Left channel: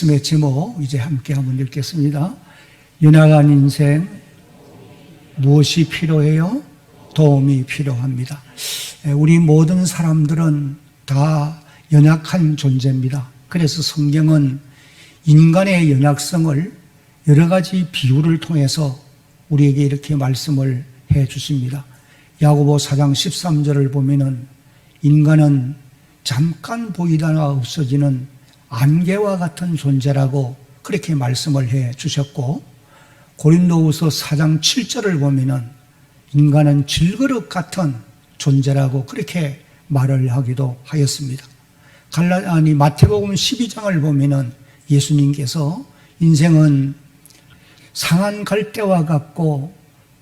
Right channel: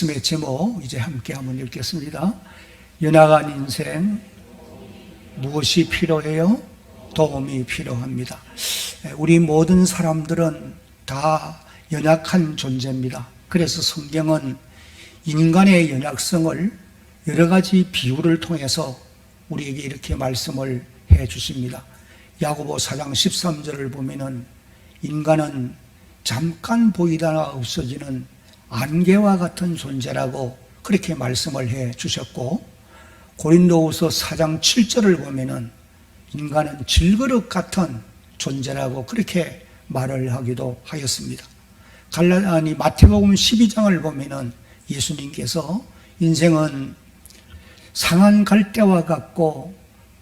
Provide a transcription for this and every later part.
말씀의 제목 이제 함께 한번 읽겠습니다. 연약한 인생 무엇이 필요해요? 도움이 필요합니다. 우리 모든 사람들은 다 연약한 존재입니다. 그래서 성경은 인간의 연약성을 여러 가지 비유를 통해서 우리에게 이렇게 말씀을 해 주십니다. 야고보 4장 13절을 보면은 인간은 잠깐 보이다가 없어지는 안개와 같은 존재라고 그렇게 말씀을 해 주셨고, 고린도후서 4장 7절을 보면은 인간은 질그릇 같은 존재라고 그렇게 말을 하기도 하였습니다. 마태복음 12장을 보면은 예수님께서 인생은 상한 갈대와 같고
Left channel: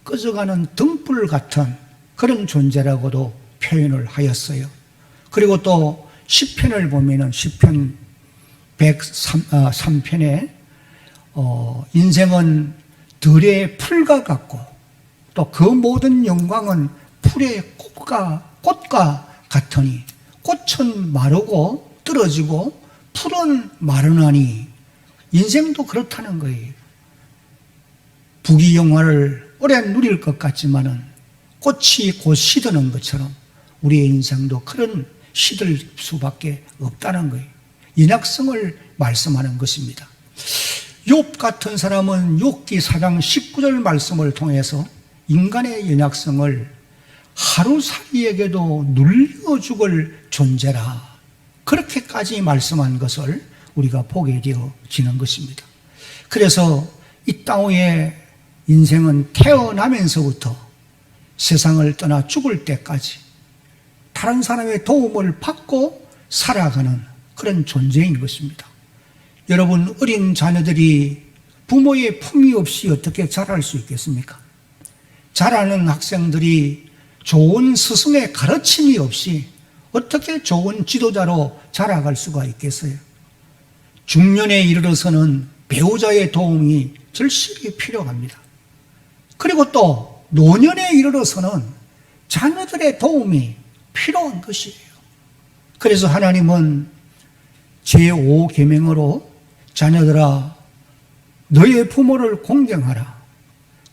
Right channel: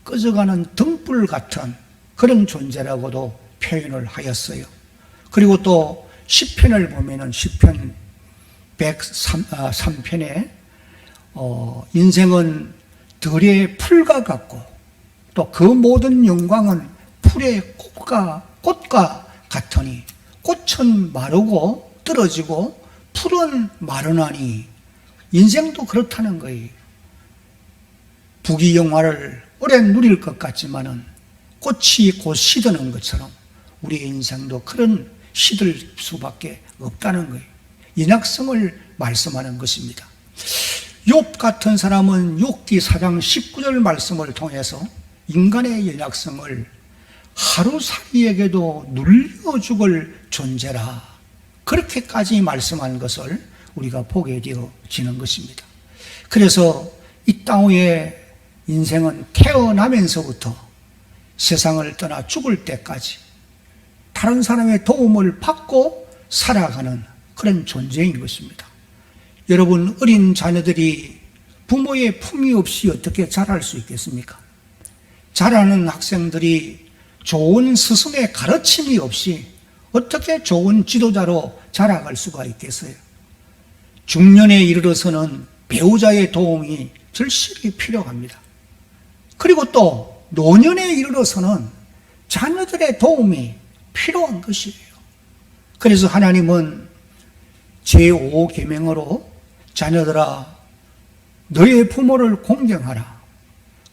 꺼져가는 등불 같은 그런 존재라고도 표현을 하였어요. 그리고 또 시편을 보면은 시편 103편에 인생은 들의 풀과 같고 또 그 모든 영광은 풀의 꽃과 같으니 꽃은 마르고 떨어지고 풀은 마르나니, 인생도 그렇다는 거예요. 부귀영화를 오래 누릴 것 같지만은 꽃이 곧 시드는 것처럼 우리의 인생도 그런 시들 수밖에 없다는 거예요. 연약성을 말씀하는 것입니다. 욥 같은 사람은 욥기 4장 19절 말씀을 통해서 인간의 연약성을 하루살이에게도 눌려 죽을 존재라, 그렇게까지 말씀한 것을 우리가 보게 되어지는 것입니다. 그래서 이 땅 위에 인생은 태어나면서부터 세상을 떠나 죽을 때까지 다른 사람의 도움을 받고 살아가는 그런 존재인 것입니다. 여러분, 어린 자녀들이 부모의 품위 없이 어떻게 자랄 수 있겠습니까? 자라는 학생들이 좋은 스승의 가르침이 없이 어떻게 좋은 지도자로 자라갈 수가 있겠어요? 중년에 이르러서는 배우자의 도움이 절실히 필요합니다. 그리고 또 노년에 이르러서는 자녀들의 도움이 필요한 것이에요. 그래서 하나님은 제5계명으로 자녀들아 너의 부모를 공경하라,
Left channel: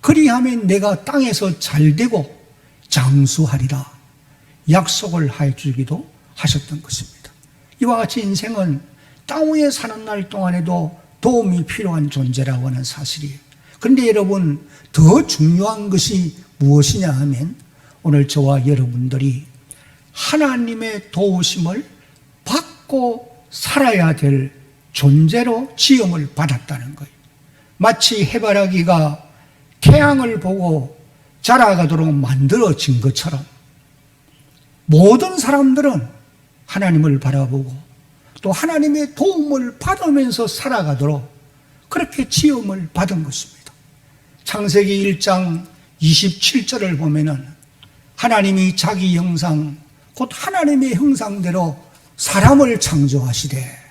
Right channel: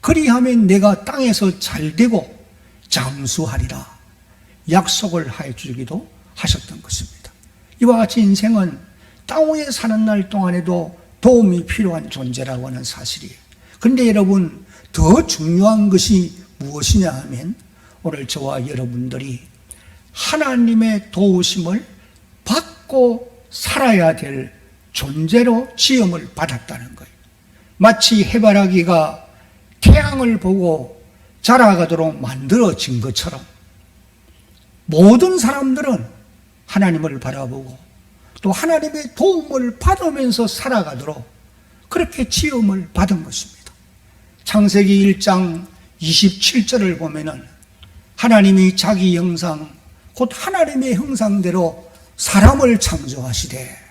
그리하면 내가 땅에서 잘되고 장수하리라 약속을 해 주기도 하셨던 것입니다. 이와 같이 인생은 땅 위에 사는 날 동안에도 도움이 필요한 존재라고 하는 사실이에요. 그런데 여러분, 더 중요한 것이 무엇이냐 하면 오늘 저와 여러분들이 하나님의 도우심을 받고 살아야 될 존재로 지음을 받았다는 거예요. 마치 해바라기가 태양을 보고 자라가도록 만들어진 것처럼 모든 사람들은 하나님을 바라보고 또 하나님의 도움을 받으면서 살아가도록 그렇게 지음을 받은 것입니다. 창세기 1장 27절을 보면은 하나님이 자기 형상 곧 하나님의 형상대로 사람을 창조하시되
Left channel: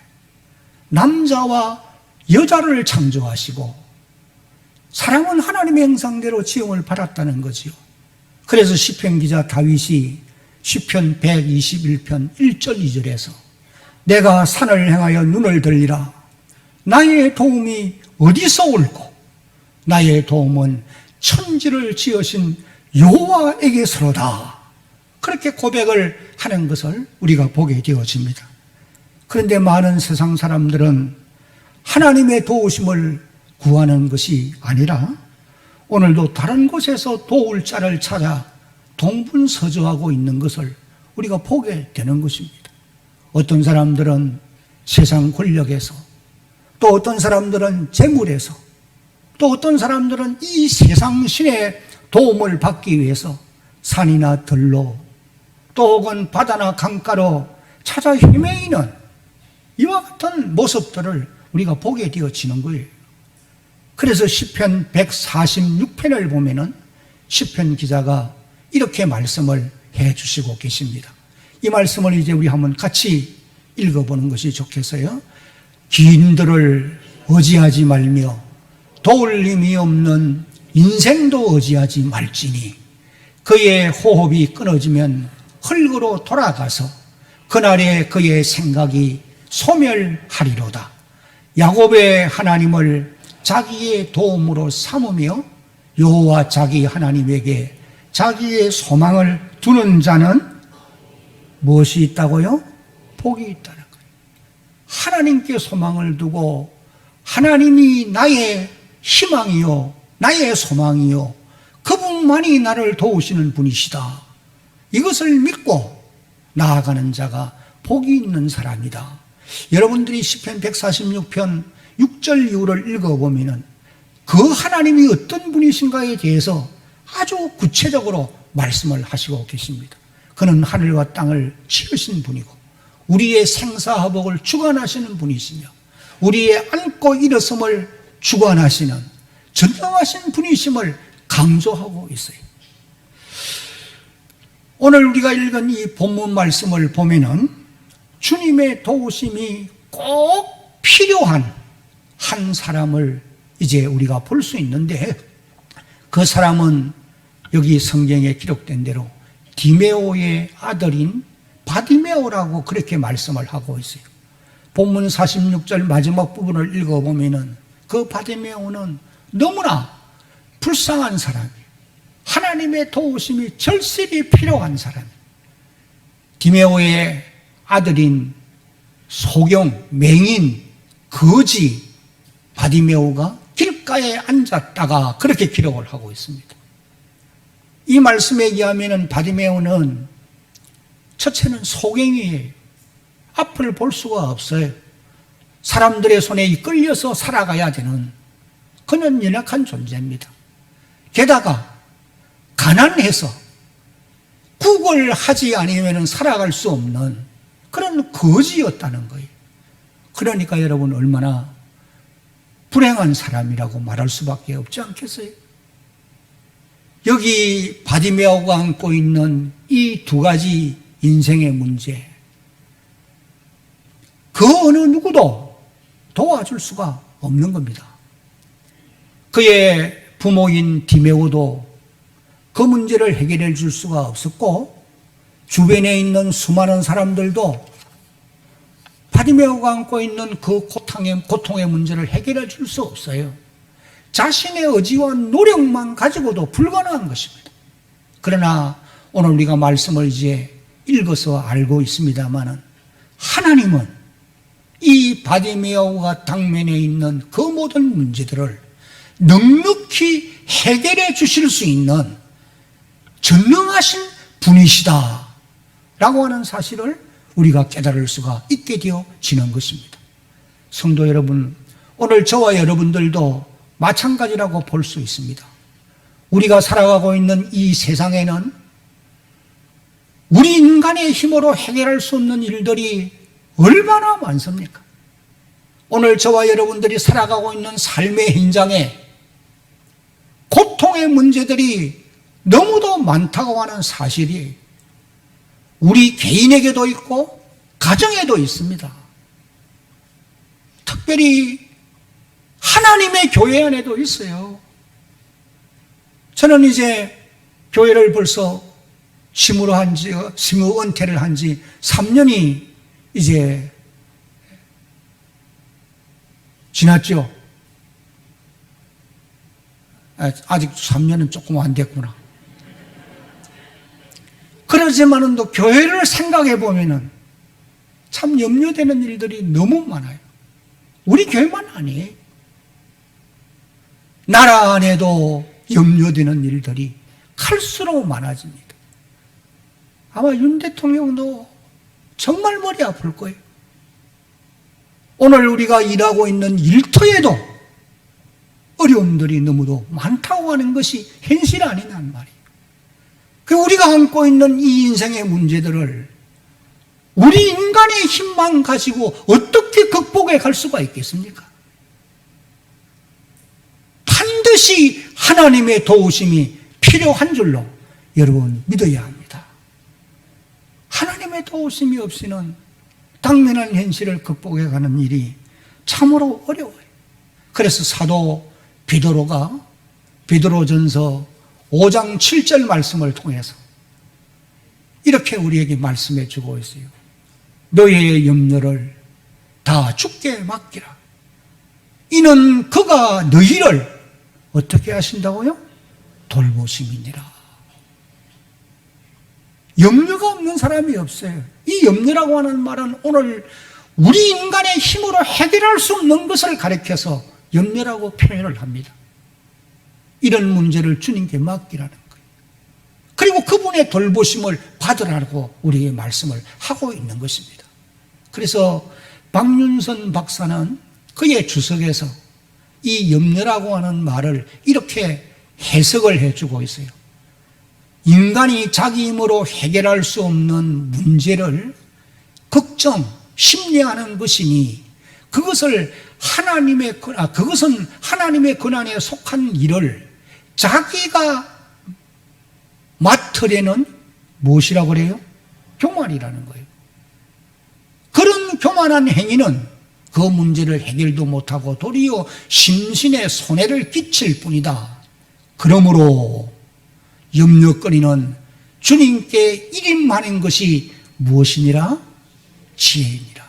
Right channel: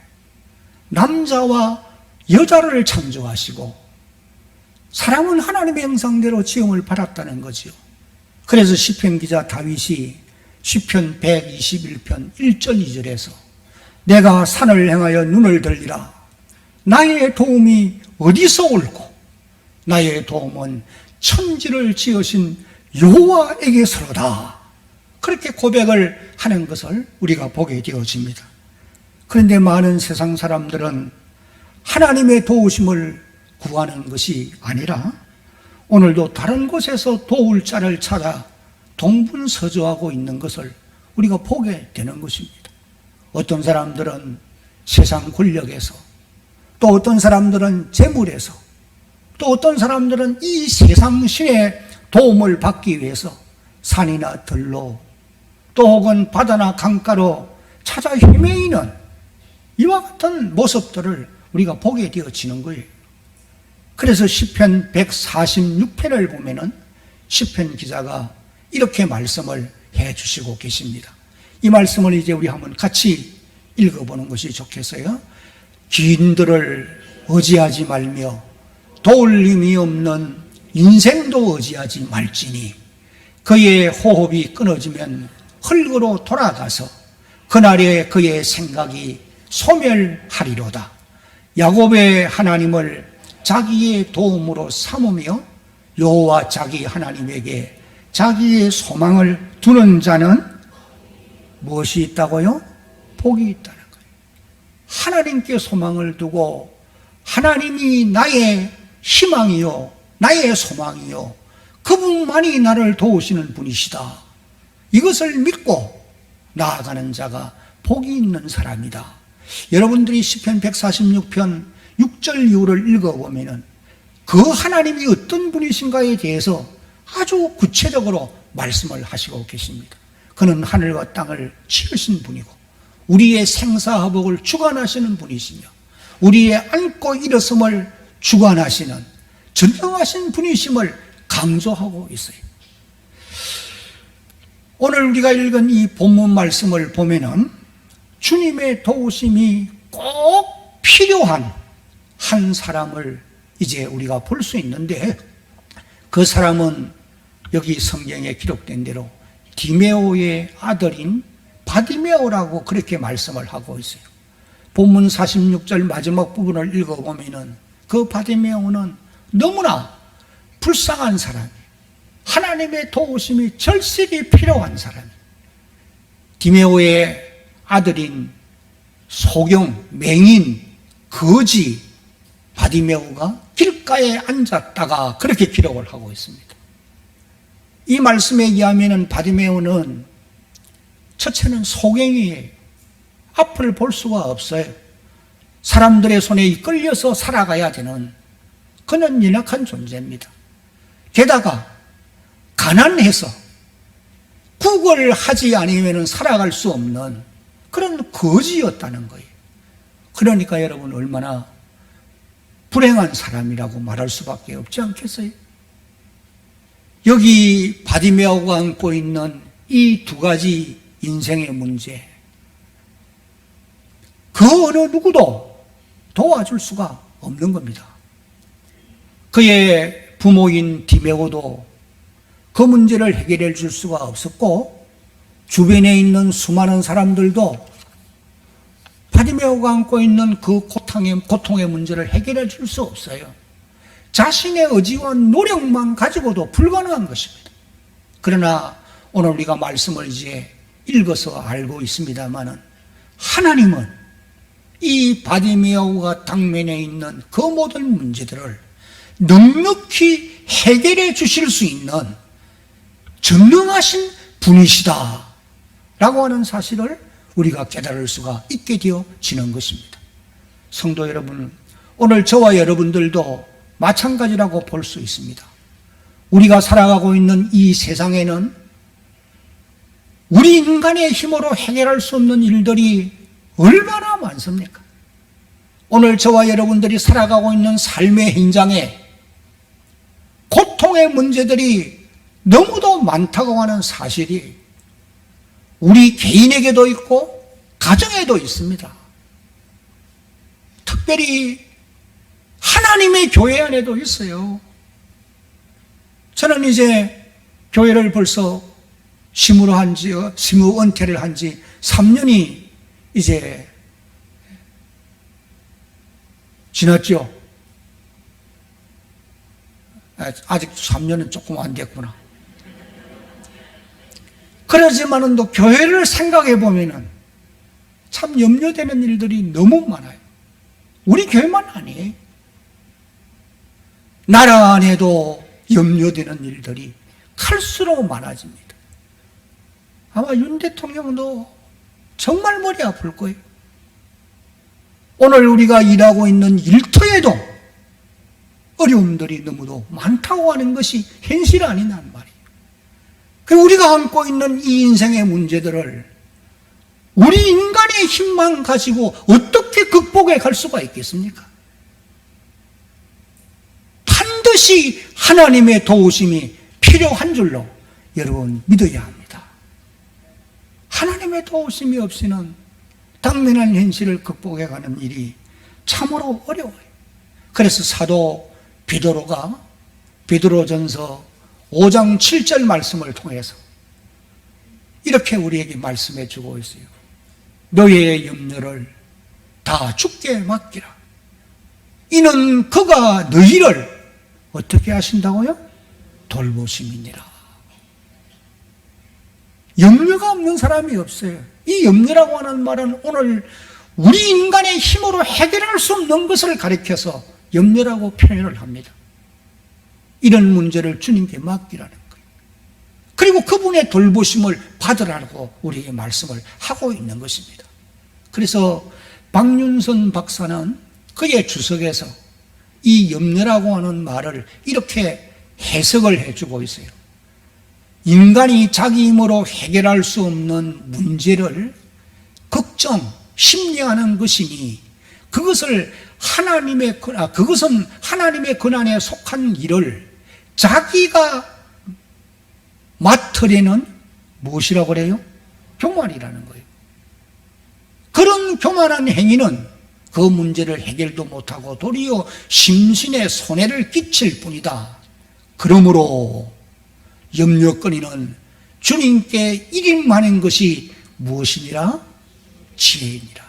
남자와 여자를 창조하시고, 사람은 하나님의 형상대로 지음을 받았다는 거지요. 그래서 시편 기자 다윗이 시편 121편 1절 2절에서 내가 산을 향하여 눈을 들리라, 나의 도움이 어디서 올고 나의 도움은 천지를 지으신 여호와에게서로다, 그렇게 고백을 하는 것을 우리가 보게 되어집니다. 그런데 많은 세상 사람들은 하나님의 도우심을 구하는 것이 아니라 오늘도 다른 곳에서 도울 자를 찾아 동분서주하고 있는 것을 우리가 보게 되는 것입니다. 어떤 사람들은 세상 권력에서, 또 어떤 사람들은 재물에서, 또 어떤 사람들은 이 세상 신의 도움을 받기 위해서 산이나 들로 또 혹은 바다나 강가로 찾아 헤매이는 이와 같은 모습들을 우리가 보게 되어지는 거예요. 그래서 시편 146편을 보면은 시편 기자가 이렇게 말씀을 해 주시고 계십니다. 이 말씀을 이제 우리 한번 같이 읽어보는 것이 좋겠어요. 기인들을 의지하지 말며 도울 힘이 없는 인생도 의지하지 말지니 그의 호흡이 끊어지면 흙으로 돌아가서 그날에 그의 생각이 소멸하리로다. 야곱의 하나님을 자기의 도움으로 삼으며 여호와 자기 하나님에게 자기의 소망을 두는 자는 무엇이 있다고요? 복이 있다는 거예요. 하나님께 소망을 두고 하나님이 나의 희망이요 나의 소망이요 그분만이 나를 도우시는 분이시다, 이것을 믿고 나아가는 자가 복이 있는 사람이다. 여러분들이 시편 146편 6절 이후를 읽어보면 그 하나님이 어떤 분이신가에 대해서 아주 구체적으로 말씀을 하시고 계십니다. 그는 하늘과 땅을 지으신 분이고 우리의 생사화복을 주관하시는 분이시며 우리의 앉고 일어섬을 주관하시는 전능하신 분이심을 강조하고 있어요. 오늘 우리가 읽은 이 본문 말씀을 보면은 주님의 도우심이 꼭 필요한 한 사람을 이제 우리가 볼 수 있는데, 그 사람은 여기 성경에 기록된 대로 디메오의 아들인 바디메오라고 그렇게 말씀을 하고 있어요. 본문 46절 마지막 부분을 읽어보면은 그 바디메오는 너무나 불쌍한 사람이에요. 하나님의 도우심이 절실히 필요한 사람이에요. 디메오의 아들인 소경, 맹인, 거지 바디메오가 길가에 앉았다가 그렇게 기록을 하고 있습니다. 이 말씀에 의하면 바디메오는 첫째는 소경이에요. 앞을 볼 수가 없어요. 사람들의 손에 이끌려서 살아가야 되는 그는 연약한 존재입니다. 게다가 가난해서 구걸하지 않으면 살아갈 수 없는 그런 거지였다는 거예요. 그러니까 여러분 얼마나 불행한 사람이라고 말할 수밖에 없지 않겠어요? 여기 바디메오가 안고 있는 이 두 가지 인생의 문제, 그 어느 누구도 도와줄 수가 없는 겁니다. 그의 부모인 디메오도 그 문제를 해결해 줄 수가 없었고, 주변에 있는 수많은 사람들도 바디메오가 안고 있는 그 고통의 문제를 해결해 줄 수 없어요. 자신의 의지와 노력만 가지고도 불가능한 것입니다. 그러나 오늘 우리가 말씀을 이제 읽어서 알고 있습니다마는 하나님은 이 바디메오가 당면에 있는 그 모든 문제들을 넉넉히 해결해 주실 수 있는 전능하신 분이시다 라고 하는 사실을 우리가 깨달을 수가 있게 되어지는 것입니다. 성도 여러분, 오늘 저와 여러분들도 마찬가지라고 볼 수 있습니다. 우리가 살아가고 있는 이 세상에는 우리 인간의 힘으로 해결할 수 없는 일들이 얼마나 많습니까? 오늘 저와 여러분들이 살아가고 있는 삶의 현장에 고통의 문제들이 너무도 많다고 하는 사실이 우리 개인에게도 있고 가정에도 있습니다. 특별히 하나님의 교회 안에도 있어요. 저는 이제 교회를 벌써 심으 은퇴를 한 지 3년이 이제 지났죠. 아직 3년은 조금 안 됐구나. 그러지만은 또 교회를 생각해 보면은 참 염려되는 일들이 너무 많아요. 우리 교회만 아니에요. 나라 안에도 염려되는 일들이 클수록 많아집니다. 아마 윤 대통령도 정말 머리 아플 거예요. 오늘 우리가 일하고 있는 일터에도 어려움들이 너무도 많다고 하는 것이 현실 아니란 말이에요. 우리가 안고 있는 이 인생의 문제들을 우리 인간의 힘만 가지고 어떻게 극복해 갈 수가 있겠습니까? 반드시 하나님의 도우심이 필요한 줄로 여러분 믿어야 합니다. 하나님의 도우심이 없이는 당면한 현실을 극복해 가는 일이 참으로 어려워요. 그래서 사도 베드로가 베드로전서 5장 7절 말씀을 통해서 이렇게 우리에게 말씀해 주고 있어요. 너희의 염려를 다 주께 맡기라. 이는 그가 너희를 어떻게 하신다고요? 돌보심이니라. 염려가 없는 사람이 없어요. 이 염려라고 하는 말은 오늘 우리 인간의 힘으로 해결할 수 없는 것을 가리켜서 염려라고 표현을 합니다. 이런 문제를 주님께 맡기라는 거예요. 그리고 그분의 돌보심을 받으라고 우리에게 말씀을 하고 있는 것입니다. 그래서 박윤선 박사는 그의 주석에서 이 염려라고 하는 말을 이렇게 해석을 해주고 있어요. 인간이 자기 힘으로 해결할 수 없는 문제를 걱정, 심려하는 것이니 그것은 하나님의 권한에 속한 일을 자기가 맡으려는 무엇이라고 그래요? 교만이라는 거예요. 그런 교만한 행위는 그 문제를 해결도 못하고 도리어 심신에 손해를 끼칠 뿐이다. 그러므로 염려거리는 주님께 일임하는 것이 무엇이니라? 지혜이니라.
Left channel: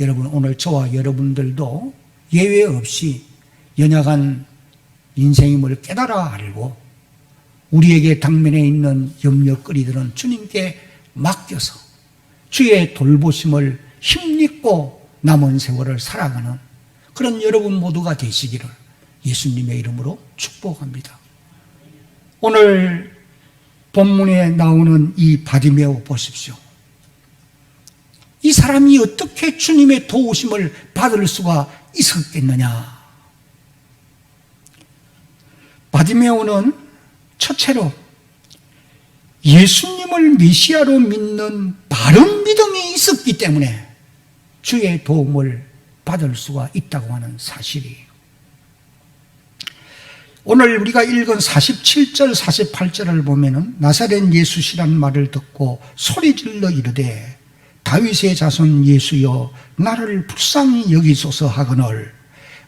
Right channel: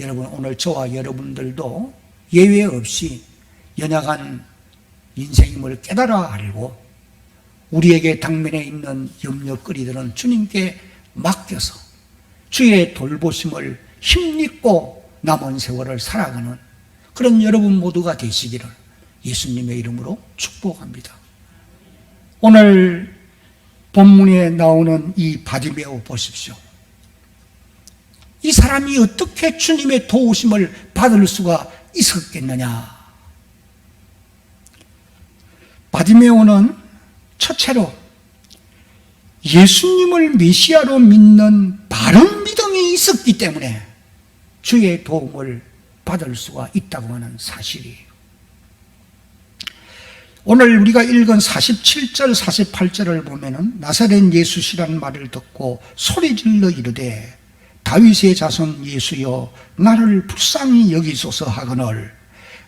여러분, 오늘 저와 여러분들도 예외 없이 연약한 인생임을 깨달아 알고 우리에게 당면에 있는 염려거리들은 주님께 맡겨서 주의 돌보심을 힘입고 남은 세월을 살아가는 그런 여러분 모두가 되시기를 예수님의 이름으로 축복합니다. 오늘 본문에 나오는 이 바디메오 보십시오. 이 사람이 어떻게 주님의 도우심을 받을 수가 있었겠느냐? 바디메오는 첫째로 예수님을 메시아로 믿는 바른 믿음이 있었기 때문에 주의 도움을 받을 수가 있다고 하는 사실이에요. 오늘 우리가 읽은 47절, 48절을 보면은 나사렛 예수시라는 말을 듣고 소리질러 이르되 다윗의 자손 예수여 나를 불쌍히 여기소서 하거늘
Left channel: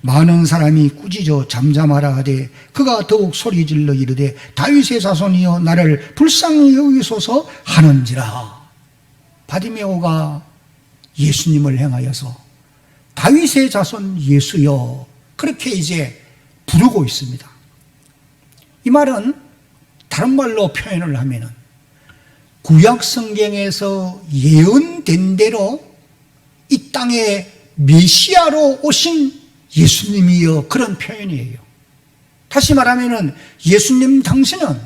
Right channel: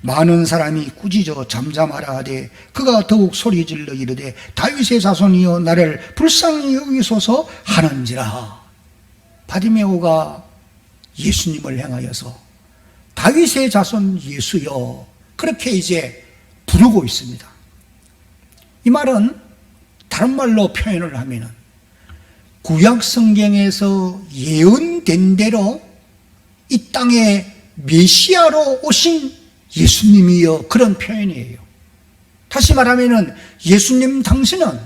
많은 사람이 꾸짖어 잠잠하라 하되 그가 더욱 소리질러 이르되 다윗의 자손이여 나를 불쌍히 여기소서 하는지라. 바디메오가 예수님을 향하여서 다윗의 자손 예수여 그렇게 이제 부르고 있습니다. 이 말은 다른 말로 표현을 하면은 구약 성경에서 예언된 대로 이 땅에 메시아로 오신 예수님이여 그런 표현이에요. 다시 말하면은 예수님 당신은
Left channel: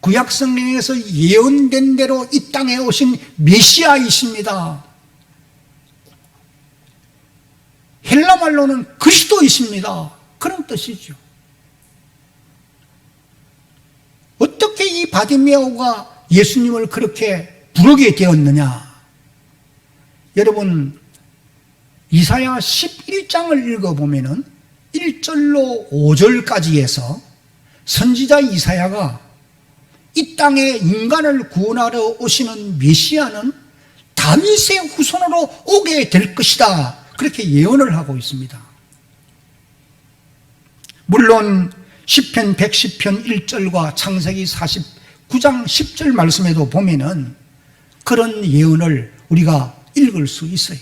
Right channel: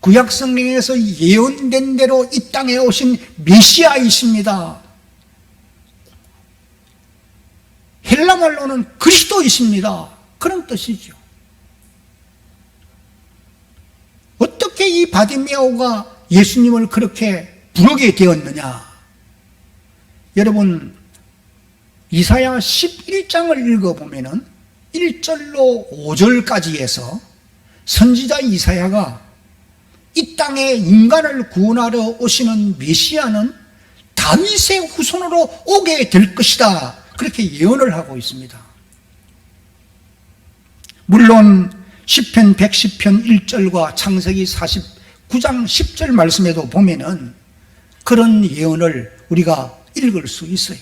구약 성경에서 예언된 대로 이 땅에 오신 메시아이십니다. 헬라 말로는 그리스도이십니다. 그런 뜻이죠. 어떻게 이 바디메오가 예수님을 그렇게 부르게 되었느냐? 여러분, 이사야 11장을 읽어보면은 1절로 5절까지 해서 선지자 이사야가 이 땅에 인간을 구원하러 오시는 메시아는 다윗의 후손으로 오게 될 것이다. 그렇게 예언을 하고 있습니다. 물론 시편 110편 1절과 창세기 49장 10절 말씀에도 보면은 그런 예언을 우리가 읽을 수 있어요.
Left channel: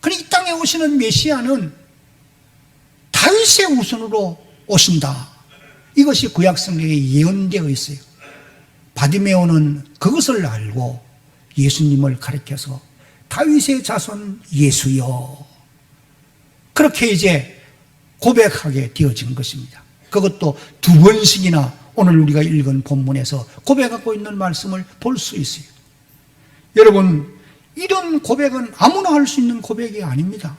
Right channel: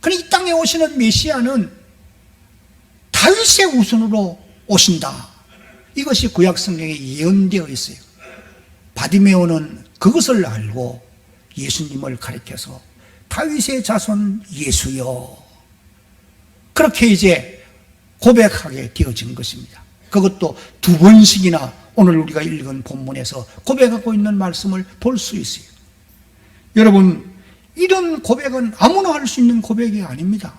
그러나 이 땅에 오시는 메시아는 다윗의 후손으로 오신다. 이것이 구약 성경에 예언되어 있어요. 바디메오는 그것을 알고 예수님을 가리켜서 다윗의 자손 예수여 그렇게 이제 고백하게 되어진 것입니다. 그것도 두 번씩이나 오늘 우리가 읽은 본문에서 고백하고 있는 말씀을 볼 수 있어요. 여러분, 이런 고백은 아무나 할 수 있는 고백이 아닙니다.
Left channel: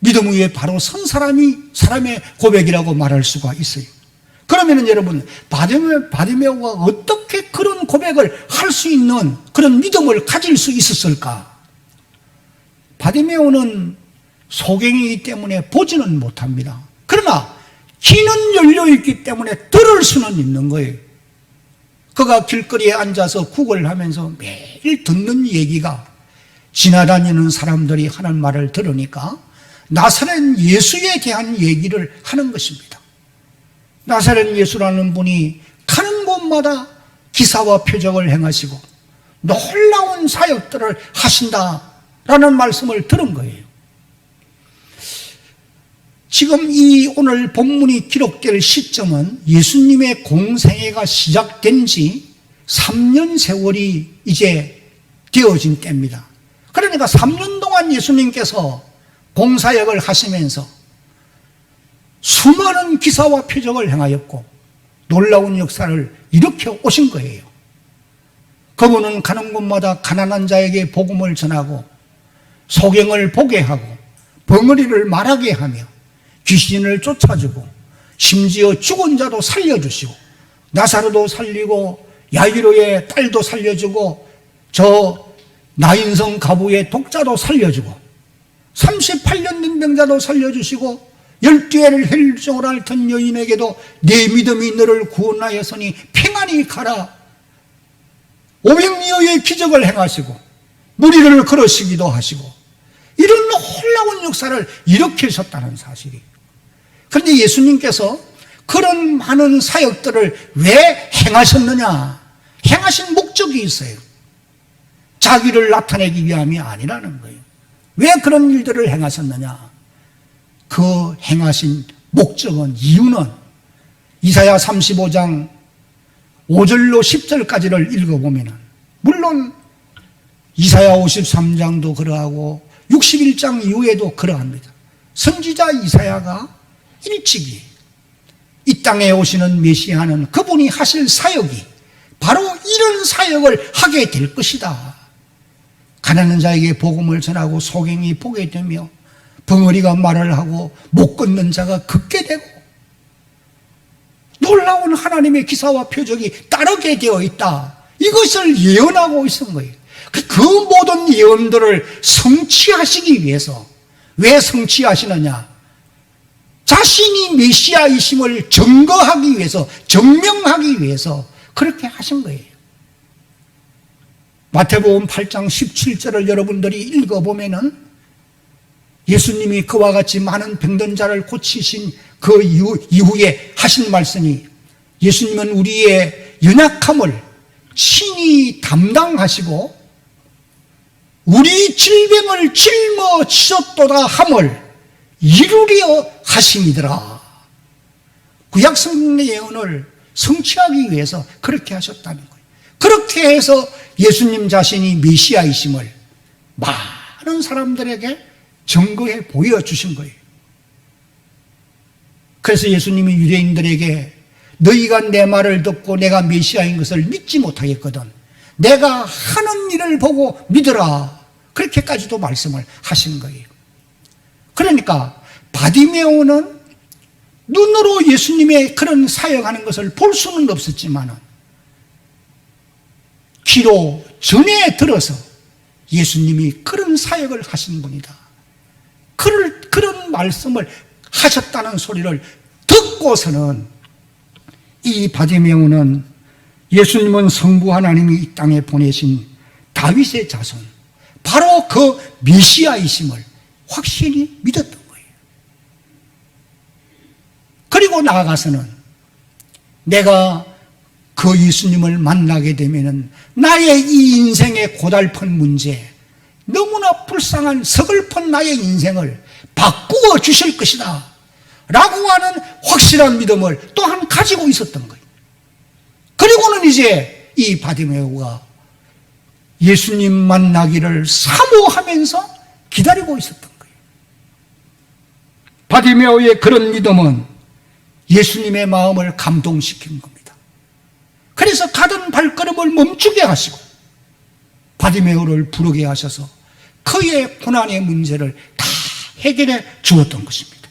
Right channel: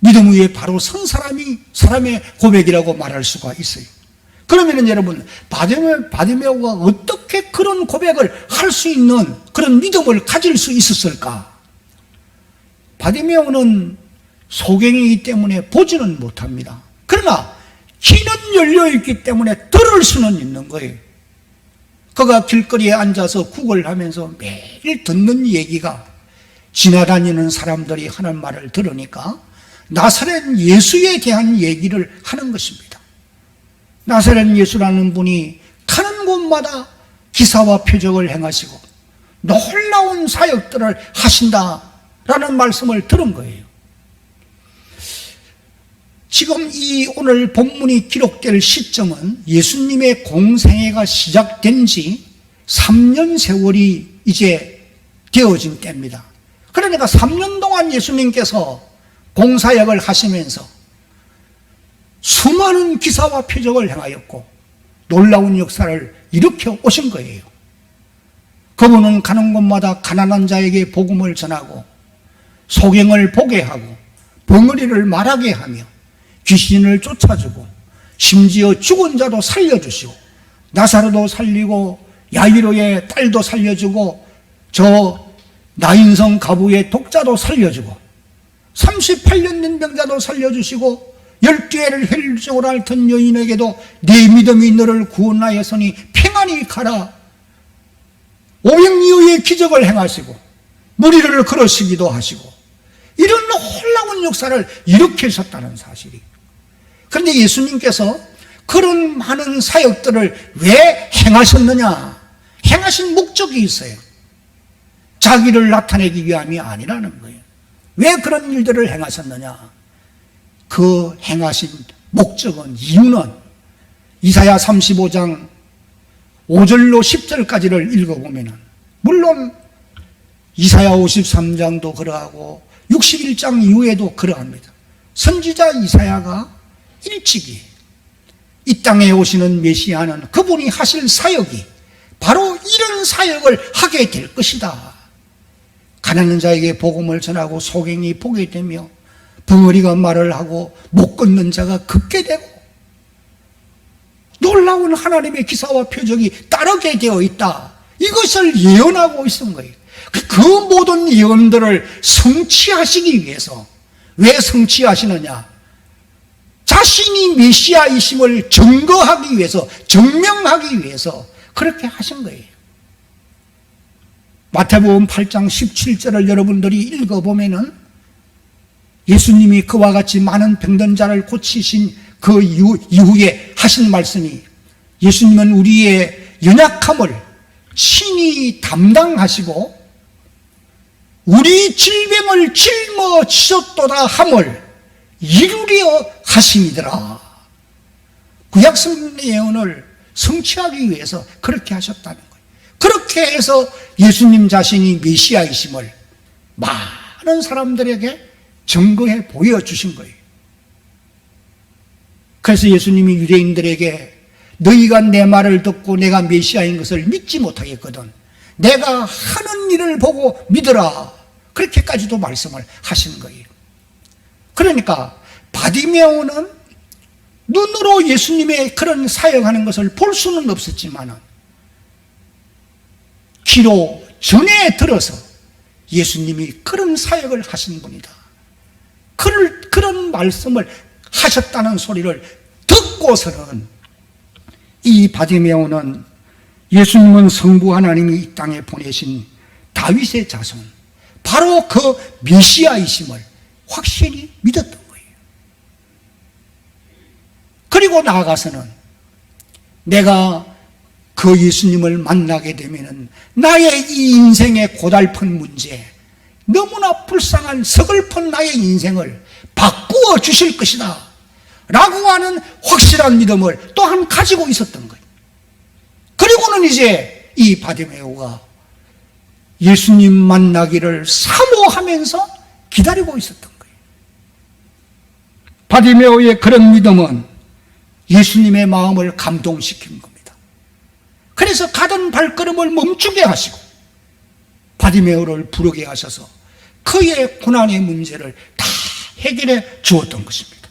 믿음 위에 바로 선 사람의 고백이라고 말할 수가 있어요. 그러면은 여러분, 바디메오가 어떻게 그런 고백을 할 수 있는 그런 믿음을 가질 수 있었을까? 바디메오는 소경이기 때문에 보지는 못합니다. 그러나 귀는 열려있기 때문에 들을 수는 있는 거예요. 그가 길거리에 앉아서 국을 하면서 매일 듣는 얘기가 지나다니는 사람들이 하는 말을 들으니까 나사렛 예수에 대한 얘기를 하는 것입니다. 나사렛 예수라는 분이 가는 곳마다 기사와 표적을 행하시고 놀라운 사역들을 하신다라는 말씀을 들은 거예요. 지금 이 오늘 본문이 기록될 시점은 예수님의 공생애가 시작된 지 3년 세월이 이제 되어진 때입니다. 그러니까 3년 동안 예수님께서 공사역을 하시면서 수많은 기사와 표적을 행하였고 놀라운 역사를 일으켜 오신 거예요. 그분은 가는 곳마다 가난한 자에게 복음을 전하고 소경을 보게 하고 벙어리를 말하게 하며 귀신을 쫓아주고 심지어 죽은 자도 살려주시고 나사로도 살리고 야이로의 딸도 살려주고 저 나인성 가부의 독자도 살려주고 38년 된 병자도 살려주시고 12회를 혈증으로 앓던 여인에게도 내 믿음이 너를 구원하였으니 평안히 가라. 500리의 기적을 행하시고 무리를 걸으시기도 하시고 이런 놀라운 역사를 일으키셨다는 사실이. 그런데 예수님께서 그런 많은 사역들을 왜 행하셨느냐? 행하신 목적이 있어요. 자기를 나타내기 위함이 아니라는 거예요. 왜 그런 일들을 행하셨느냐? 그 행하신 목적은, 이유는 이사야 35장 5절로 10절까지를 읽어보면 물론 이사야 53장도 그러하고 61장 이후에도 그러합니다. 선지자 이사야가 일찍이 이 땅에 오시는 메시아는 그분이 하실 사역이 바로 이런 사역을 하게 될 것이다. 가난한 자에게 복음을 전하고 소경이 보게 되며 벙어리가 말을 하고 못 걷는 자가 걷게 되고 놀라운 하나님의 기사와 표적이 따르게 되어 있다. 이것을 예언하고 있은 거예요. 그 모든 예언들을 성취하시기 위해서, 왜 성취하시느냐? 자신이 메시아이심을 증거하기 위해서, 증명하기 위해서 그렇게 하신 거예요. 마태복음 8장 17절을 여러분들이 읽어보면은 예수님이 그와 같이 많은 병든 자를 고치신 그 이후에 하신 말씀이, 예수님은 우리의 연약함을 친히 담당하시고 우리 질병을 짊어지셨도다 함을 이루려 하심이더라. 구약 성경의 예언을 성취하기 위해서 그렇게 하셨다는 거예요. 그렇게 해서 예수님 자신이 메시아이심을 많은 사람들에게 증거해 보여주신 거예요. 그래서 예수님이 유대인들에게 너희가 내 말을 듣고 내가 메시아인 것을 믿지 못하겠거든 내가 하는 일을 보고 믿으라. 그렇게까지도 말씀을 하신 거예요. 그러니까 바디메오는 눈으로 예수님의 그런 사역하는 것을 볼 수는 없었지만 귀로 전해 들어서 예수님이 그런 사역을 하신 분이다. 그런 말씀을 하셨다는 소리를 듣고서는 이 바디메오는 예수님은 성부 하나님이 이 땅에 보내신 다윗의 자손, 바로 그 메시아이심을 확실히 믿었던 거예요. 그리고 나아가서는 내가 그 예수님을 만나게 되면은 나의 이 인생의 고달픈 문제, 너무나 불쌍한 서글픈 나의 인생을 바꾸어 주실 것이다 라고 하는 확실한 믿음을 또한 가지고 있었던 거예요. 그리고는 이제 이 바디메오가 예수님 만나기를 사모하면서 기다리고 있었던 거예요. 바디메오의 그런 믿음은 예수님의 마음을 감동시킨 겁니다. 그래서 가던 발걸음을 멈추게 하시고 바디메오를 부르게 하셔서 그의 고난의 문제를 다 해결해 주었던 것입니다.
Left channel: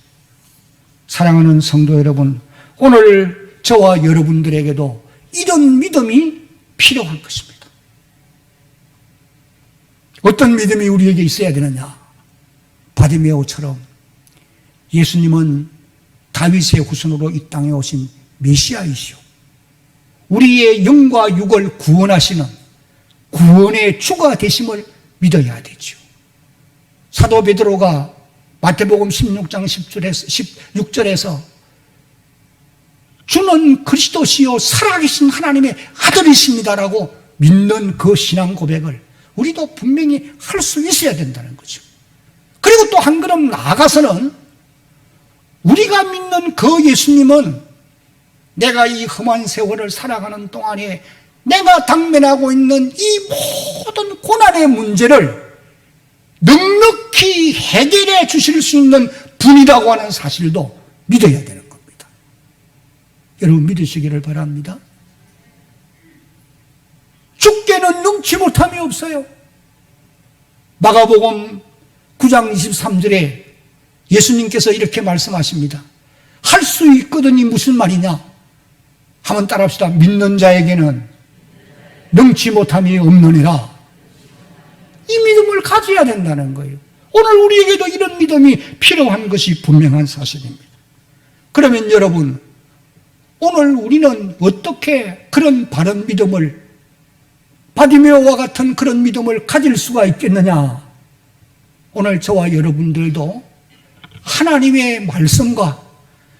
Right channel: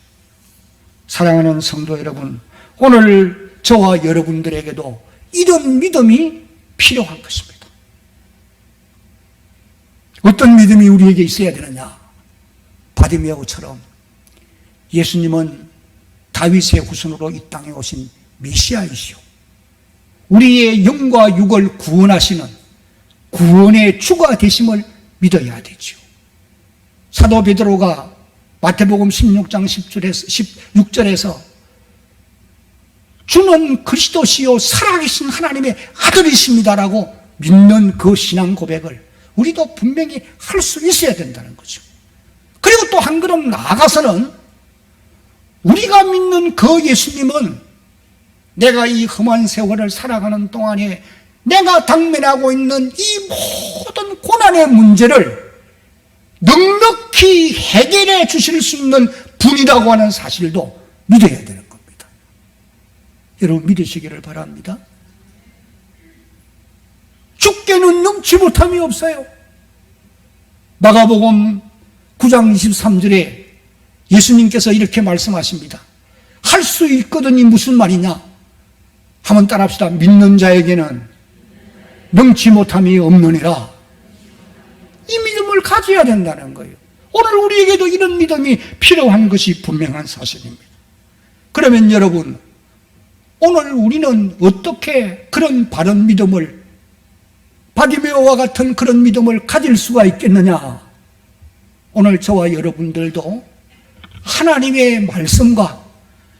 사랑하는 성도 여러분, 오늘 저와 여러분들에게도 이런 믿음이 필요한 것입니다. 어떤 믿음이 우리에게 있어야 되느냐? 바디메오처럼 예수님은 다윗의 후손으로 이 땅에 오신 메시아이시오, 우리의 영과 육을 구원하시는 구원의 주가 되심을 믿어야 되죠. 사도 베드로가 마태복음 16장 16절에서 주는 그리스도시요 살아계신 하나님의 아들이십니다라고 믿는 그 신앙 고백을 우리도 분명히 할 수 있어야 된다는 거죠. 그리고 또 한 걸음 나아가서는 우리가 믿는 그 예수님은 내가 이 험한 세월을 살아가는 동안에 내가 당면하고 있는 이 모든 고난의 문제를 넉넉히 해결해 주실 수 있는 분이라고 하는 사실도 믿어야 되는 겁니다. 여러분 믿으시기를 바랍니다. 주께는 능치 못함이 없어요. 마가복음 9장 23절에 예수님께서 이렇게 말씀하십니다. 할 수 있거든이 무슨 말이냐? 한번 따라합시다. 믿는 자에게는 능치 못함이 없느니라. 이 믿음을 가져야 된다는 거예요. 오늘 우리에게도 이런 믿음이 필요한 것이 분명한 사실입니다. 그러면 여러분, 오늘 우리는 어떻게 그런 바른 믿음을, 바디메오와 같은 그런 믿음을 가질 수가 있겠느냐? 오늘 저와 여러분들도 하나님의 말씀과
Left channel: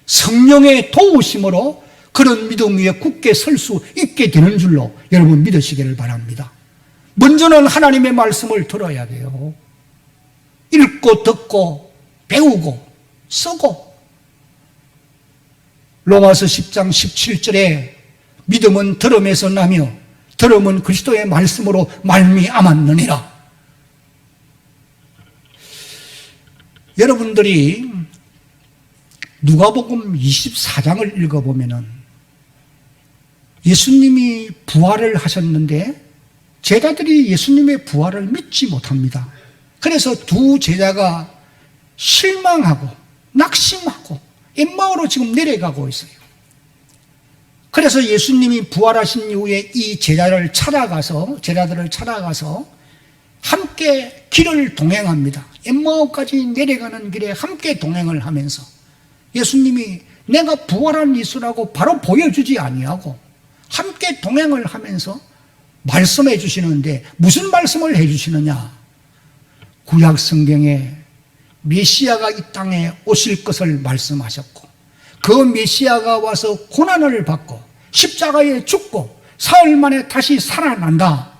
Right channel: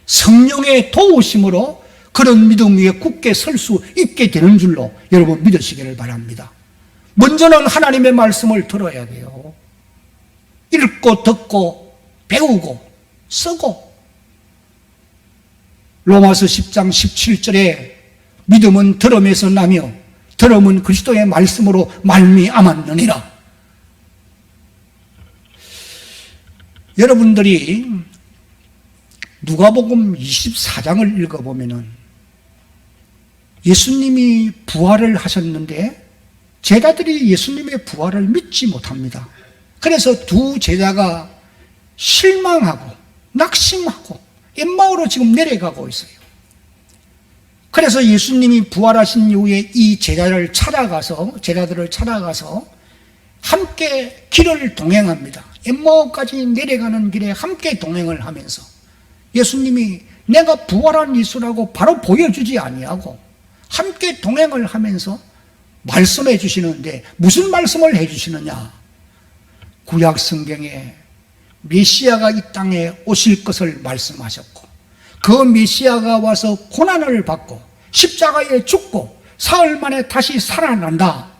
성령의 도우심으로 그런 믿음 위에 굳게 설 수 있게 되는 줄로 여러분 믿으시기를 바랍니다. 먼저는 하나님의 말씀을 들어야 돼요. 읽고 듣고 배우고 쓰고. 로마서 10장 17절에 믿음은 들음에서 나며 들음은 그리스도의 말씀으로 말미암았느니라. 여러분들이 누가복음 24장을 읽어보면은 예수님이 부활을 하셨는데 제자들이 예수님의 부활을 믿지 못합니다. 그래서 두 제자가 실망하고 낙심하고 엠마오로 지금 내려가고 있어요. 그래서 예수님이 부활하신 이후에 이 제자들을 찾아가서 함께 길을 동행합니다. 엠마오까지 내려가는 길에 함께 동행을 하면서 예수님이 내가 부활한 예수라고 바로 보여주지 아니하고 함께 동행을 하면서 말씀해 주시는데 무슨 말씀을 해 주시느냐? 구약 성경에 메시아가 이 땅에 오실 것을 말씀하셨고 그 메시아가 와서 고난을 받고 십자가에 죽고 사흘 만에 다시 살아난다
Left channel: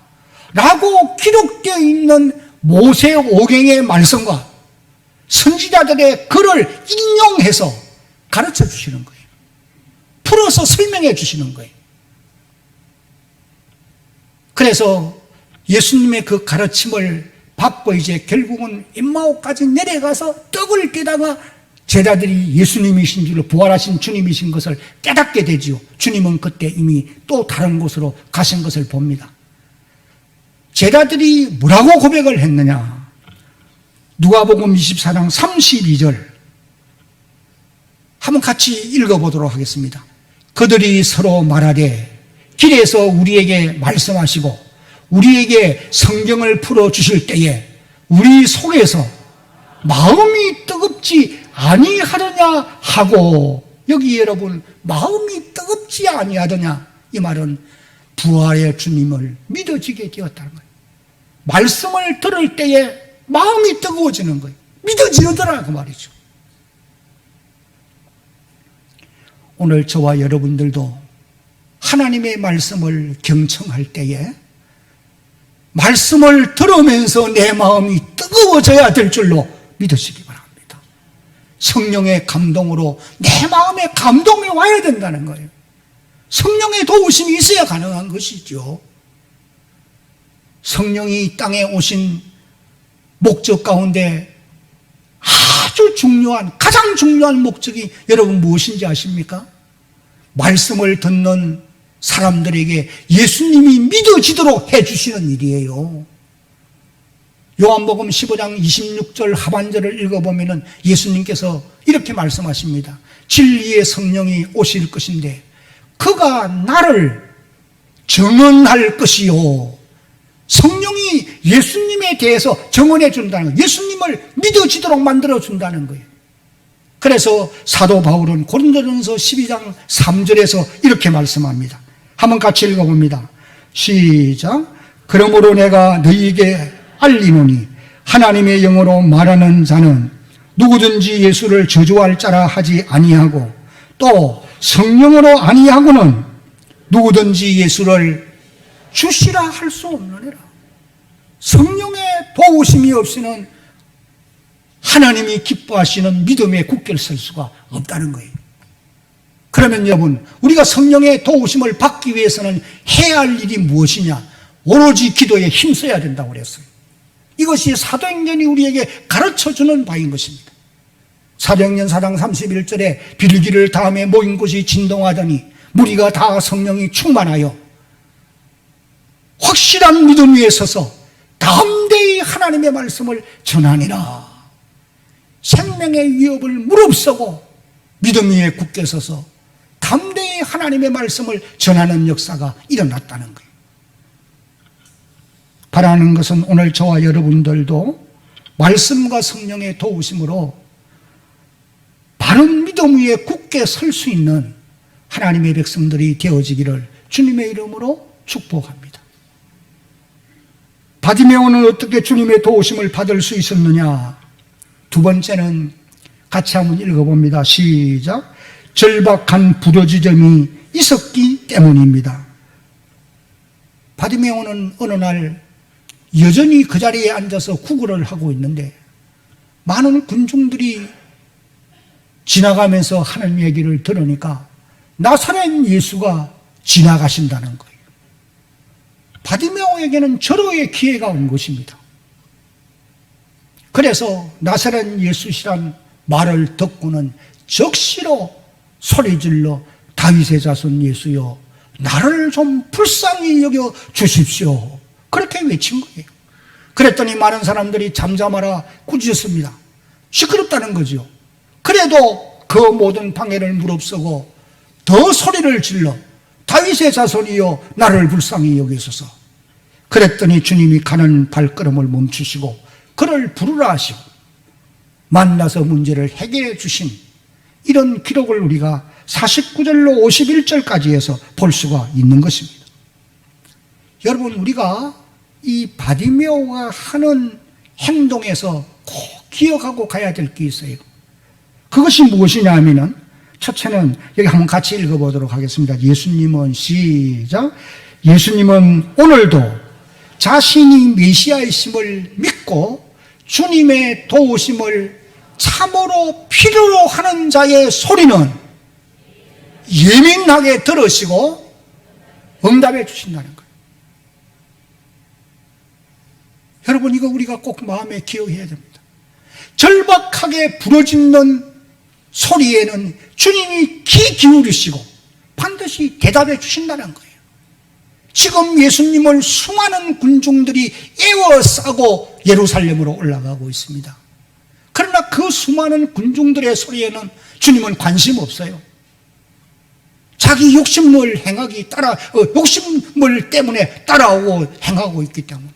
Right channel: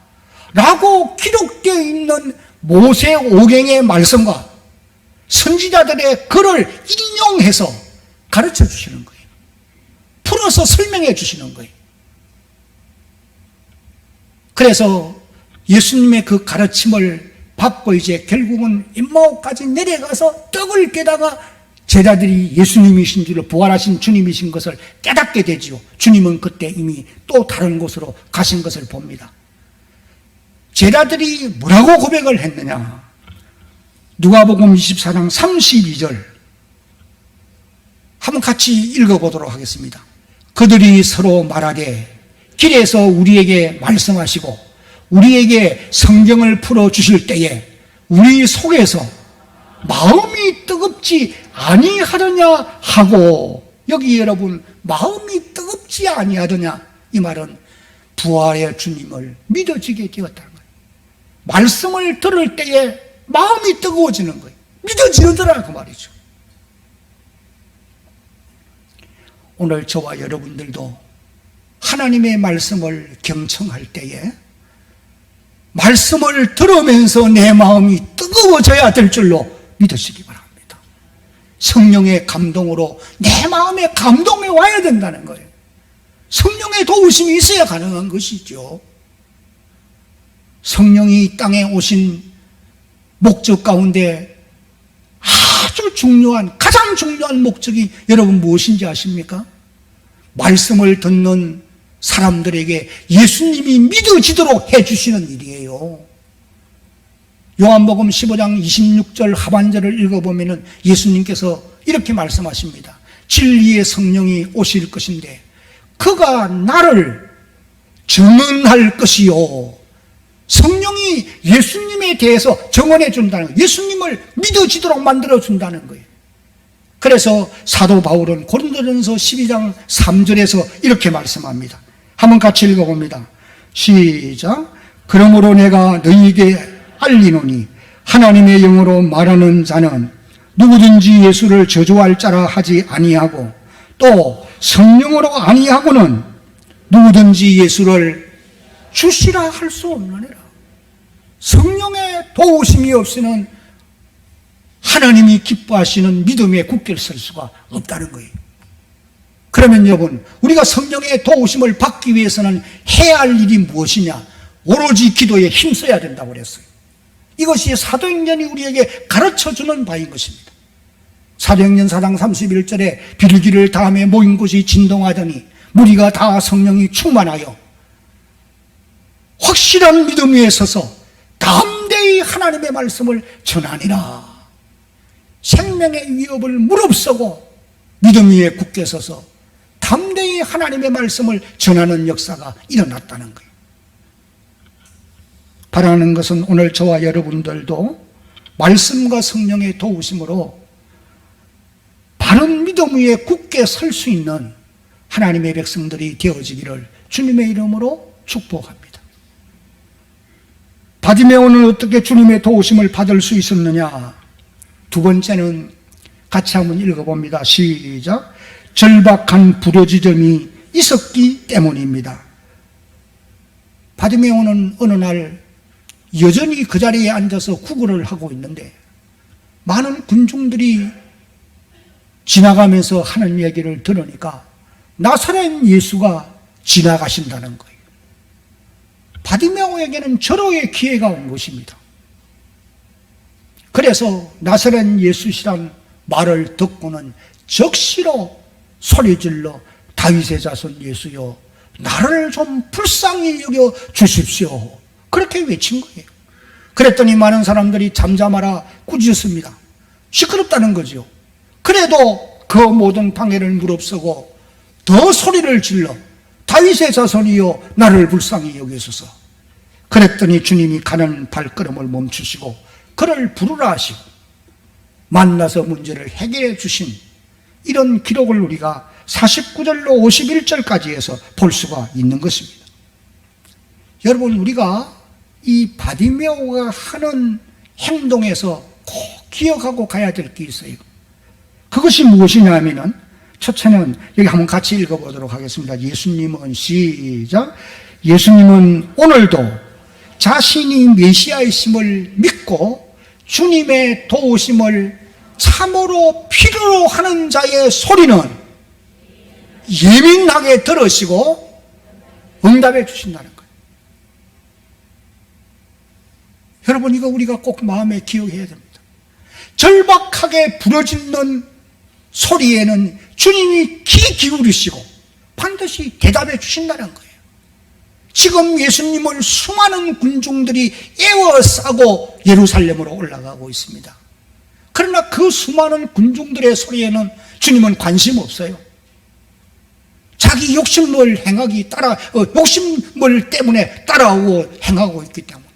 라고 기록되어 있는 모세오경의 말씀과 선지자들의 글을 인용해서 가르쳐 주시는 거예요. 풀어서 설명해 주시는 거예요. 그래서 예수님의 그 가르침을 받고 이제 결국은 엠마오까지 내려가서 떡을 깨다가 제자들이 예수님이신 줄을, 부활하신 주님이신 것을 깨닫게 되지요. 주님은 그때 이미 또 다른 곳으로 가신 것을 봅니다. 제자들이 뭐라고 고백을 했느냐? 누가복음 24장 32절 한번 같이 읽어보도록 하겠습니다. 그들이 서로 말하되 길에서 우리에게 말씀하시고 우리에게 성경을 풀어주실 때에 우리 속에서 마음이 뜨겁지 아니하더냐 하고, 여기 여러분 마음이 뜨겁지 아니하더냐, 이 말은 부활의 주님을 믿어지게 되었다는 거예요. 말씀을 들을 때에 마음이 뜨거워지는 거예요. 믿어지더라 그 말이죠. 오늘 저와 여러분들도 하나님의 말씀을 경청할 때에 말씀을 들으면서 내 마음이 뜨거워져야 될 줄로 믿으시기 바랍니다. 성령의 감동으로 내 마음에 감동이 와야 된다는 거예요. 성령의 도우심이 있어야 가능한 것이죠. 성령이 이 땅에 오신 목적 가운데 아주 중요한, 가장 중요한 목적이 여러분 무엇인지 아십니까? 말씀을 듣는 사람들에게 예수님이 믿어지도록 해주시는 일이에요. 요한복음 15장 26절 하반절을 읽어보면 예수님께서 이렇게 말씀하십니다. 진리의 성령이 오실 것인데 그가 나를 증언할 것이요. 성령이 예수님에 대해서 증언해 준다는 거예요. 예수님을 믿어지도록 만들어 준다는 거예요. 그래서 사도 바울은 고린도전서 12장 3절에서 이렇게 말씀합니다. 한번 같이 읽어봅니다. 시작. 그러므로 내가 너희에게 알리노니 하나님의 영으로 말하는 자는 누구든지 예수를 저주할 자라 하지 아니하고 또 성령으로 아니하고는 누구든지 예수를 주시라 할 수 없느니라. 성령의 도우심이 없이는 하나님이 기뻐하시는 믿음의 굳게 설 수가 없다는 거예요. 그러면 여러분, 우리가 성령의 도우심을 받기 위해서는 해야 할 일이 무엇이냐? 오로지 기도에 힘써야 된다고 그랬어요. 이것이 사도행전이 우리에게 가르쳐주는 바인 것입니다. 사도행전 4장 31절에 빌기를 다음에 모인 곳이 진동하더니 무리가 다 성령이 충만하여 확실한 믿음 위에 서서 담대히 하나님의 말씀을 전하니라. 생명의 위협을 무릅쓰고 믿음 위에 굳게 서서 담대히 하나님의 말씀을 전하는 역사가 일어났다는 거예요. 바라는 것은 오늘 저와 여러분들도 말씀과 성령의 도우심으로 바른 믿음 위에 굳게 설 수 있는 하나님의 백성들이 되어지기를 주님의 이름으로 축복합니다. 바디메오는 어떻게 주님의 도우심을 받을 수 있었느냐? 두 번째는 같이 한번 읽어봅니다. 시작. 절박한 부르짖음이 있었기 때문입니다. 바디메오는 어느 날 여전히 그 자리에 앉아서 구걸을 하고 있는데 많은 군중들이 지나가면서 하는 얘기를 들으니까 나사렛 예수가 지나가신다는 거예요. 바디메오에게는 절호의 기회가 온 것입니다. 그래서 나사렛 예수시란 말을 듣고는 적시로 소리질러 다윗의 자손 예수여 나를 좀 불쌍히 여겨 주십시오. 그렇게 외친 거예요. 그랬더니 많은 사람들이 잠잠하라 꾸짖었습니다. 시끄럽다는 거죠. 그래도 그 모든 방해를 무릅쓰고 더 소리를 질러 다윗의 자손이여 나를 불쌍히 여기소서. 그랬더니 주님이 가는 발걸음을 멈추시고 그를 부르라 하시고 만나서 문제를 해결해 주신 이런 기록을 우리가 49절로 51절까지 해서 볼 수가 있는 것입니다. 여러분, 우리가 이 바디메오가 하는 행동에서 꼭 기억하고 가야 될 게 있어요. 그것이 무엇이냐 하면은 첫째는 여기 한번 같이 읽어보도록 하겠습니다. 예수님은 시작. 예수님은 오늘도 자신이 메시아이심을 믿고 주님의 도우심을 참으로 필요로 하는 자의 소리는 예민하게 들으시고 응답해 주신다는 거예요. 여러분, 이거 우리가 꼭 마음에 기억해야 됩니다. 절박하게 부르짖는 소리에는 주님이 귀 기울이시고 반드시 대답해 주신다는 거예요. 지금 예수님을 수많은 군중들이 에워싸고 예루살렘으로 올라가고 있습니다. 그러나 그 수많은 군중들의 소리에는 주님은 관심 없어요. 자기 욕심을 행하기 욕심을 때문에 따라오고 행하고 있기 때문에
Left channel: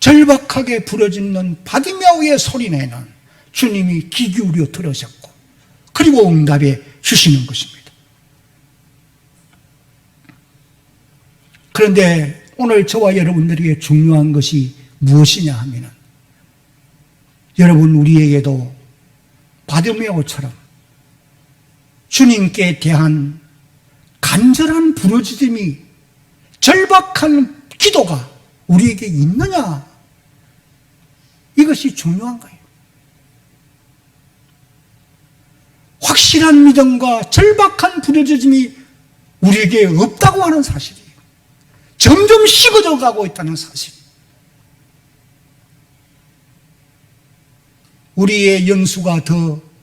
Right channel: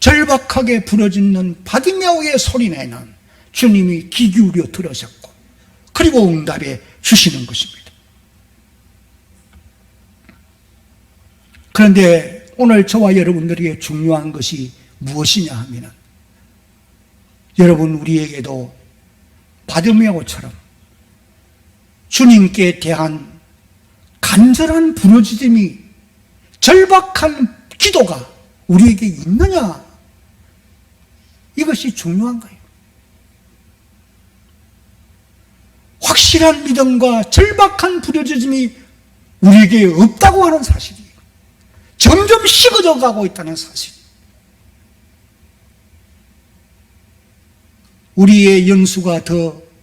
절박하게 부르짖는 바디메오의 소리내는 주님이 귀 기울여 들으셨고 그리고 응답해 주시는 것입니다. 그런데 오늘 저와 여러분들에게 중요한 것이 무엇이냐 하면은 여러분, 우리에게도 바디메오처럼 주님께 대한 간절한 부르짖음이 절박한 기도가 우리에게 있느냐, 이것이 중요한 거예요. 확실한 믿음과 절박한 부르짖음이 우리에게 없다고 하는 사실이에요. 점점 식어져 가고 있다는 사실. 우리의 연수가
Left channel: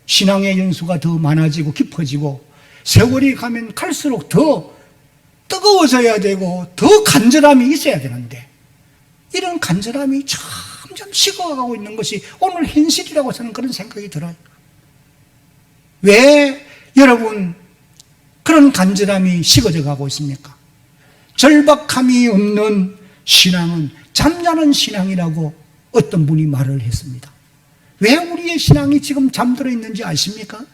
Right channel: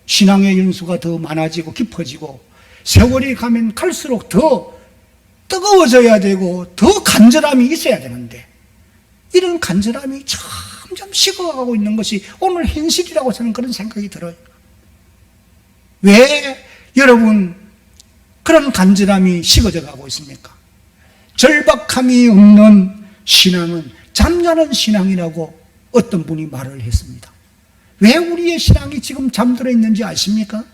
신앙의 연수가 더 많아지고 깊어지고 세월이 가면 갈수록 더 뜨거워져야 되고 더 간절함이 있어야 되는데 이런 간절함이 점점 식어가고 있는 것이 오늘 현실이라고 저는 그런 생각이 들어요. 왜 여러분 그런 간절함이 식어져 가고 있습니까? 절박함이 없는 신앙은 잠자는 신앙이라고 어떤 분이 말을 했습니다. 왜 우리의 신앙이 지금 잠들어 있는지 아십니까?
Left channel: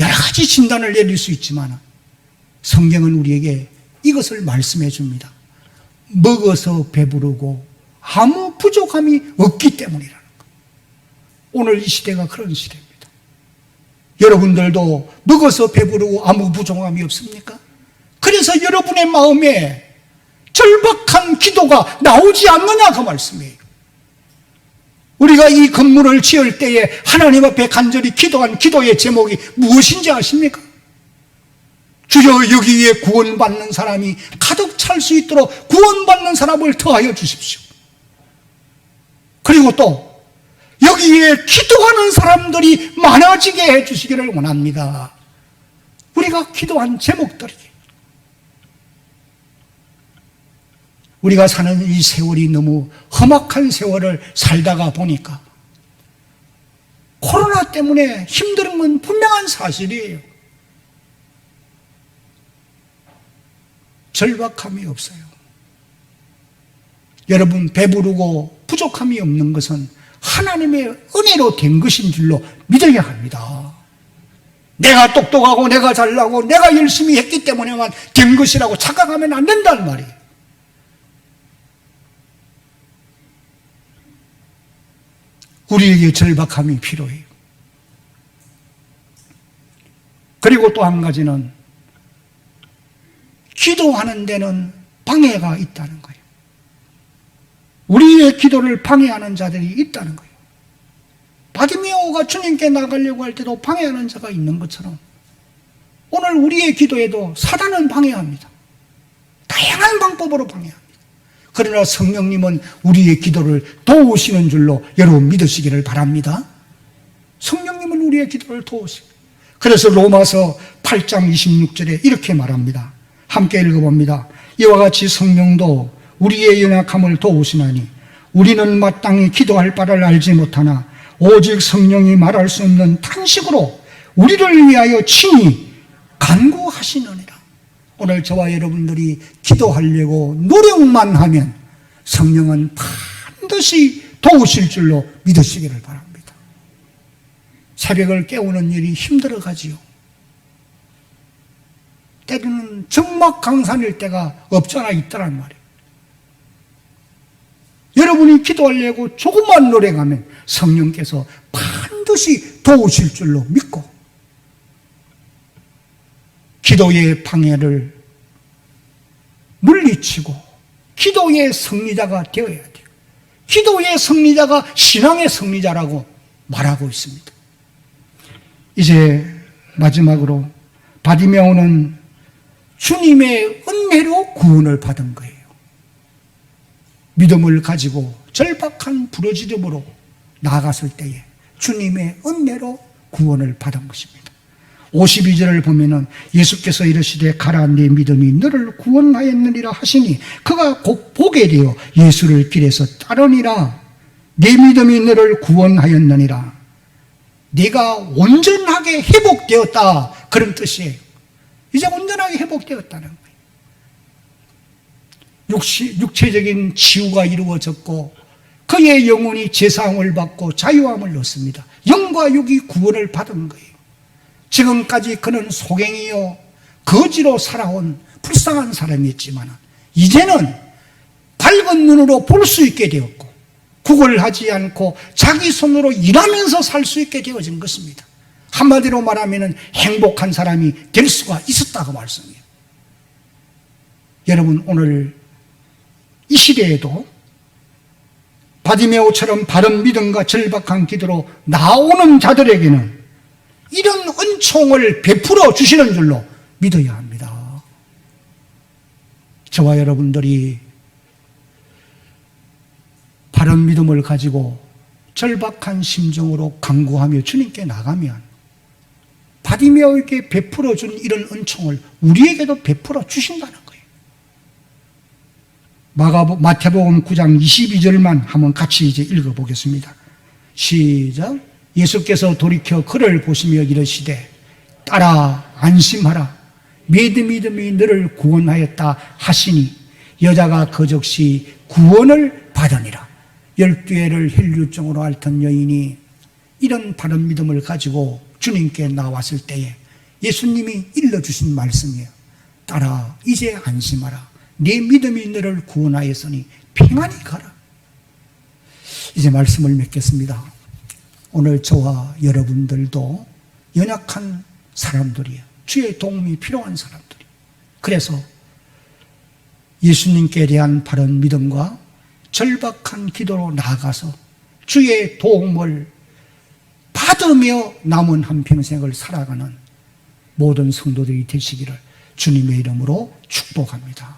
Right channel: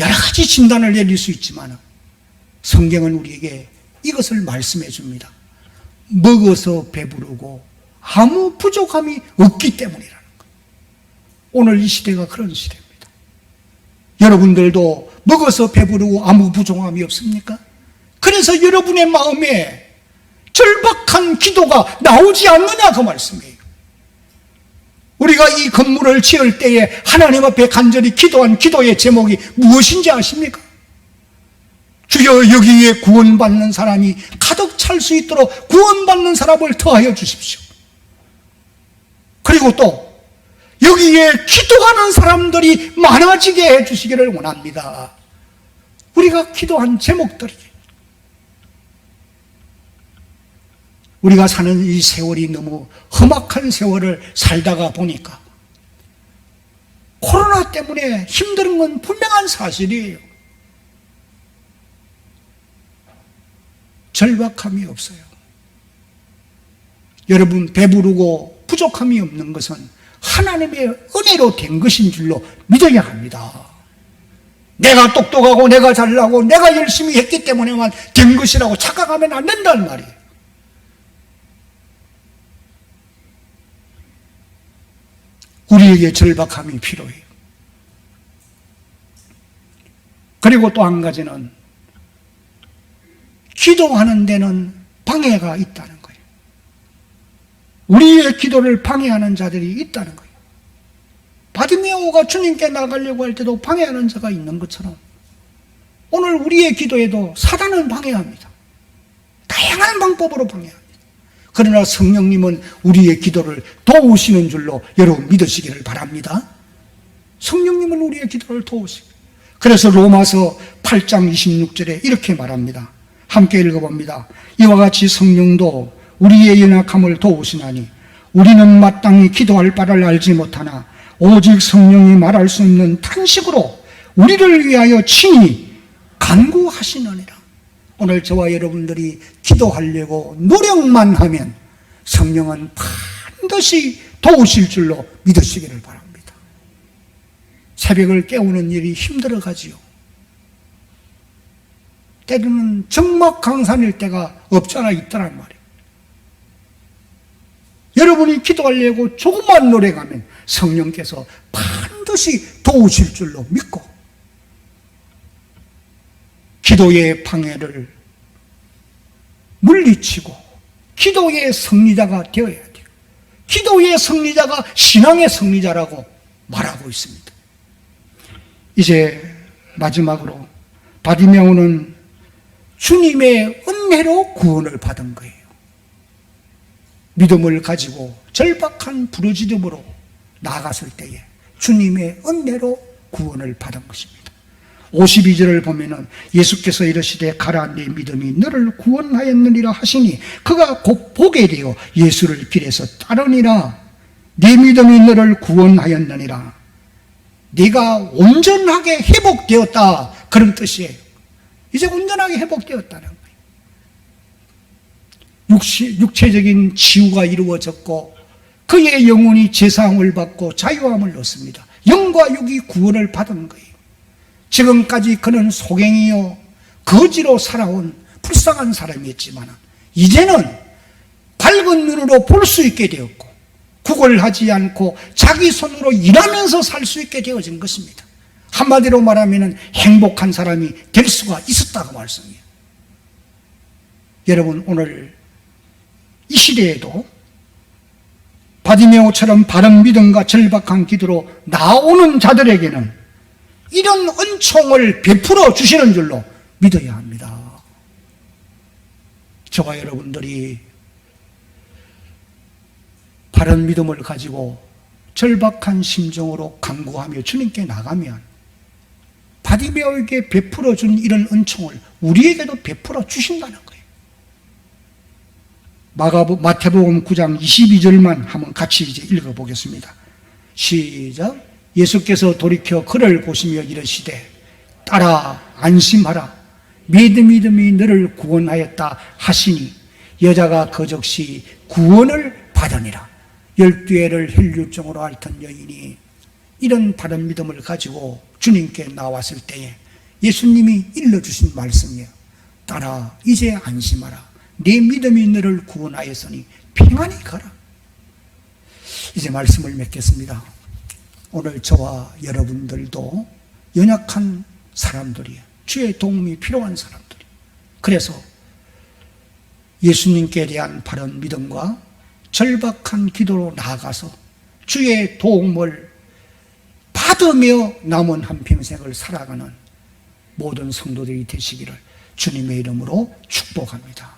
여러 가지 진단을 내릴 수 있지만 성경은 우리에게 이것을 말씀해 줍니다. 먹어서 배부르고 아무 부족함이 없기 때문이라는 거예요. 오늘 이 시대가 그런 시대입니다. 여러분들도 먹어서 배부르고 아무 부족함이 없습니까? 그래서 여러분의 마음에 절박한 기도가 나오지 않느냐 그 말씀이에요. 우리가 이 건물을 지을 때에 하나님 앞에 간절히 기도한 기도의 제목이 무엇인지 아십니까? 주여 여기에 구원받는 사람이 가득 찰 수 있도록 구원받는 사람을 더하여 주십시오. 그리고 또 여기에 기도하는 사람들이 많아지게 해주시기를 원합니다. 우리가 기도한 제목들이, 우리가 사는 이 세월이 너무 험악한 세월을 살다가 보니까 코로나 때문에 힘든 건 분명한 사실이에요. 절박함이 없어요. 여러분, 배부르고 부족함이 없는 것은 하나님의 은혜로 된 것인 줄로 믿어야 합니다. 내가 똑똑하고 내가 잘나고 내가 열심히 했기 때문에만 된 것이라고 착각하면 안 된다는 말이에요. 우리에게 절박함이 필요해요. 그리고 또 한 가지는 기도하는 데는 방해가 있다는 거예요. 우리의 기도를 방해하는 자들이 있다는 거예요. 바디메오가 주님께 나가려고 할 때도 방해하는 자가 있는 것처럼 오늘 우리의 기도에도 사단은 방해합니다. 다양한 방법으로 방해합니다. 그러나 성령님은 우리의 기도를 도우시는 줄로 여러분 믿으시기를 바랍니다. 성령님은 우리의 기도를 도우시고, 그래서 로마서 8장 26절에 이렇게 말합니다. 함께 읽어봅니다. 이와 같이 성령도 우리의 연약함을 도우시나니 우리는 마땅히 기도할 바를 알지 못하나 오직 성령이 말할 수 없는 탄식으로 우리를 위하여 친히 간구하시느니라. 오늘 저와 여러분들이 기도하려고 노력만 하면 성령은 반드시 도우실 줄로 믿으시기를 바랍니다. 새벽을 깨우는 일이 힘들어가지요. 때로는 적막강산일 때가 없잖아 있더란 말이에요. 여러분이 기도하려고 조금만 노력하면 성령께서 반드시 도우실 줄로 믿고 기도의 방해를 물리치고 기도의 승리자가 되어야 돼요. 기도의 승리자가 신앙의 승리자라고 말하고 있습니다. 이제 마지막으로 바디메오는 주님의 은혜로 구원을 받은 거예요. 믿음을 가지고 절박한 부르짖음으로 나아갔을 때에 주님의 은혜로 구원을 받은 것입니다. 52절을 보면은 예수께서 이르시되 가라 네 믿음이 너를 구원하였느니라 하시니 그가 곧 보게 되어 예수를 길에서 따르니라. 네 믿음이 너를 구원하였느니라. 네가 온전하게 회복되었다, 그런 뜻이에요. 이제 온전하게 회복되었다는 거예요. 육체적인 치유가 이루어졌고 그의 영혼이 제사함을 받고 자유함을 얻습니다. 영과 육이 구원을 받은 거예요. 지금까지 그는 소갱이요 거지로 살아온 불쌍한 사람이었지만 이제는 밝은 눈으로 볼 수 있게 되었고 구걸하지 않고 자기 손으로 일하면서 살 수 있게 되어진 것입니다. 한마디로 말하면 행복한 사람이 될 수가 있었다고 말씀이에요. 여러분, 오늘 이 시대에도 바디메오처럼 바른 믿음과 절박한 기도로 나오는 자들에게는 이런 은총을 베풀어 주시는 줄로 믿어야 합니다. 저와 여러분들이 바른 믿음을 가지고 절박한 심정으로 간구하며 주님께 나가면 바디메오에게 베풀어 준 이런 은총을 우리에게도 베풀어 주신다는 거예요. 마태복음 9장 22절만 한번 같이 이제 읽어보겠습니다. 시작. 예수께서 돌이켜 그를 보시며 이르시되 따라 안심하라. 믿음이 너를 구원하였다 하시니 여자가 그 즉시 구원을 받으니라. 12해를 혈류증으로 앓던 여인이 이런 바른 믿음을 가지고 주님께 나왔을 때에 예수님이 일러주신 말씀이에요. 따라 이제 안심하라. 네 믿음이 너를 구원하였으니 평안히 가라. 이제 말씀을 맺겠습니다. 오늘 저와 여러분들도 연약한 사람들이에요. 주의 도움이 필요한 사람들이에요. 그래서 예수님께 대한 바른 믿음과 절박한 기도로 나아가서 주의 도움을 받으며 남은 한평생을 살아가는 모든 성도들이 되시기를 주님의 이름으로 축복합니다.